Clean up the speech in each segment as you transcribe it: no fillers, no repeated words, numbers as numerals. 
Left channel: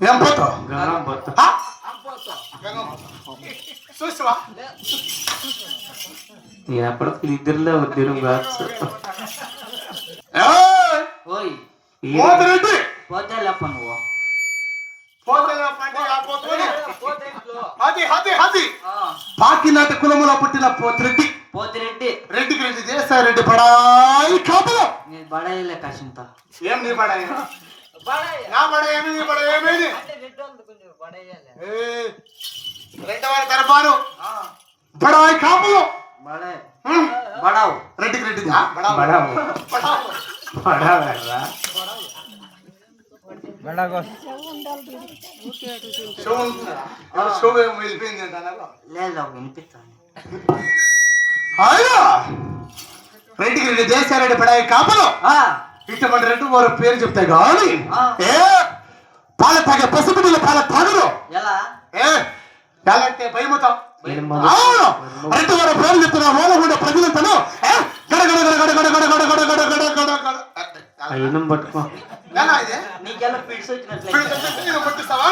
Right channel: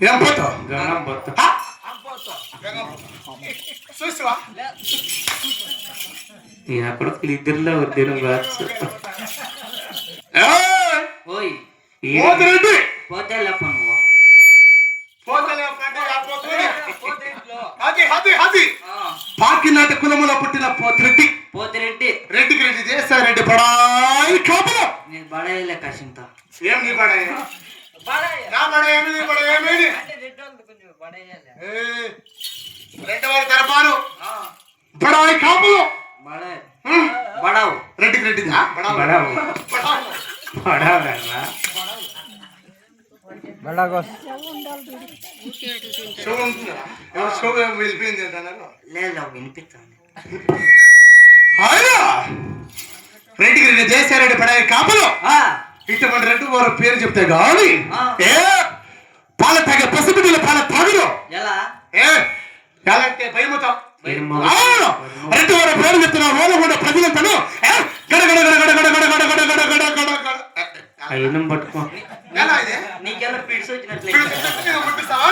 ఏం పోతావు గంగం పోతా చూసావా ఎక్కడ ఇద్దరులో ఉద్యోగం కావచ్చు. ఓయ్ పోతిరెడ్డి పోతే లేప నువ్వు పాకినాటి కులములో పుట్టిన పోతిరెడ్డి పోతిరెడ్డి రెడ్డికి రెడ్డి చేస్తారెడ్డి పడాయి కాపులో నేను బడాయిలే కాసింత ఏం నీ పడాయి నా పడాయి ఏమి నీ పడాయి ఏమేమి రెండవ దర్బారు బడాయి కాపులో బడావు రెడ్డికి రెడ్డి బడావు బడావు షో ఏం వెళ్ళిపోయింది అంటారా లేదు వినిపిస్తాను. రెడ్డికి రెడ్డి చేస్తారెడ్డి పడాయి కాపులో ఇటువంటి రెండు వారు పేరు చెప్తే గాని పాల తాగే పసిబిడ్డలు పాల తాగుడు ఎలా ఎలా అంటే భయమవుతాం రెండు వారు పేరు చెప్తున్నా ఓనగుండ ప్రజలంతను గడగడ గడగడ గడగడ గడగడ గడగడ గడగడ అయినం పట్టుకో ఎలా ఇది నీకెలా ఫిట్స్ వచ్చినట్లయితే కొట్టిస్తావా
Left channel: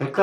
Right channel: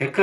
ఎక్క